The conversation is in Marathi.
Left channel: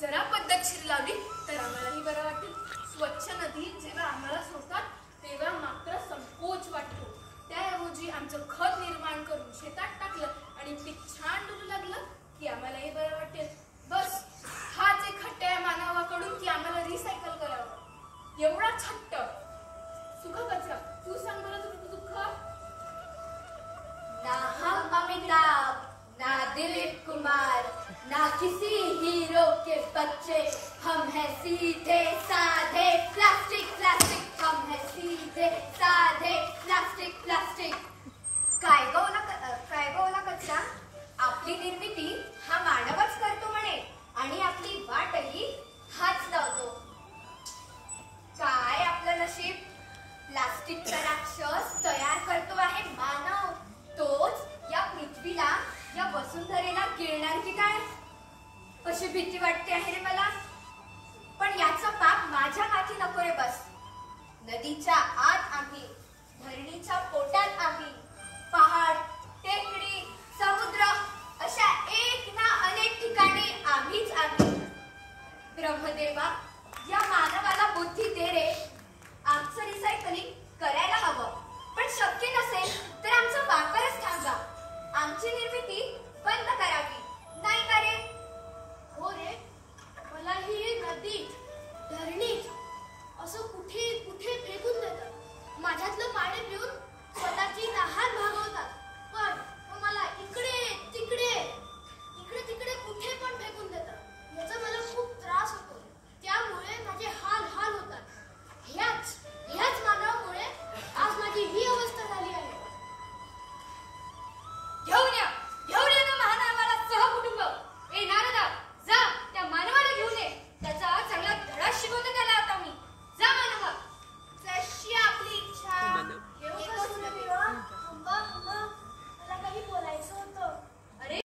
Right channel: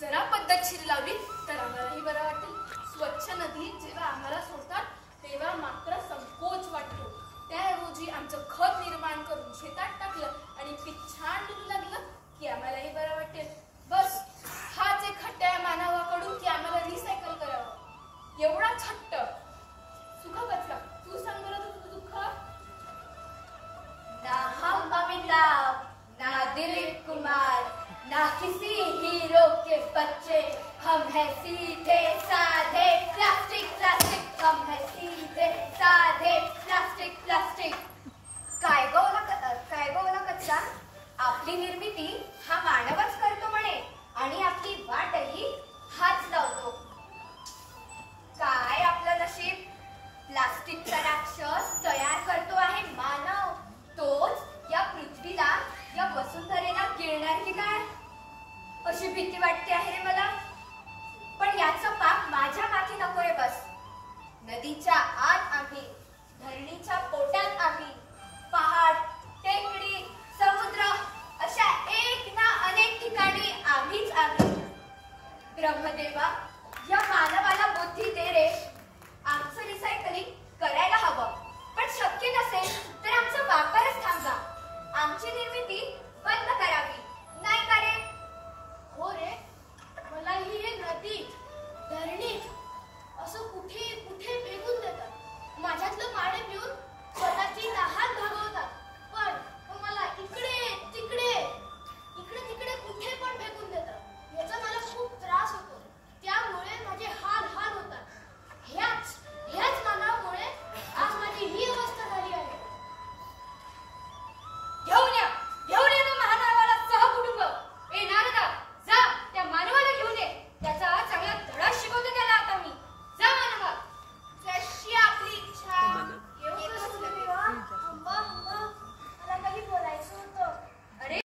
जरा पद्धतशीर लावली तर आम्हालाही बरं वाटेल. स्वच्छ नदी जेव्हा आम्हाला सोडतात तेव्हा मात्र संकोच वाटतो. त्याऐवजी आमचं खत निर्माण करून शेतात टाकलं आणि पीक छान डुलू लागलं की आम्हालाही बरं वाटेल. बस हाच एक हट्ट आहे मानवाकडून की आम्हाला रिसायकल करावं. एवढाच हट्ट. सुख कचरा, तू सांग बरं तुझं दुःख. ना हम अमिताभ, ना दिलीप कुमार, ना किसी हीरो के बच्चे, हम हैं सीधे साधे प्लास्टिक प्लास्टिक, हम हैं सीधे साधे प्लास्टिक प्लास्टिक. काय गो ना कचरा, आपली निर्मिती हा मानवच करतो म्हणे आणि आपली वाटही हाच लावतो. काय आपलं नशीब, प्लास्टिकचा राक्षस तयार करतो आहे मानव. तोच या पृथ्वीला, या वसुंधरेला गिळणार की काय अशी भीती वाटते आहे रे मला. पण याचं पाप माझ्या माथी नको रे. बस नदीच्या आत आम्ही, धरणीच्या पोटात आम्ही, पहाड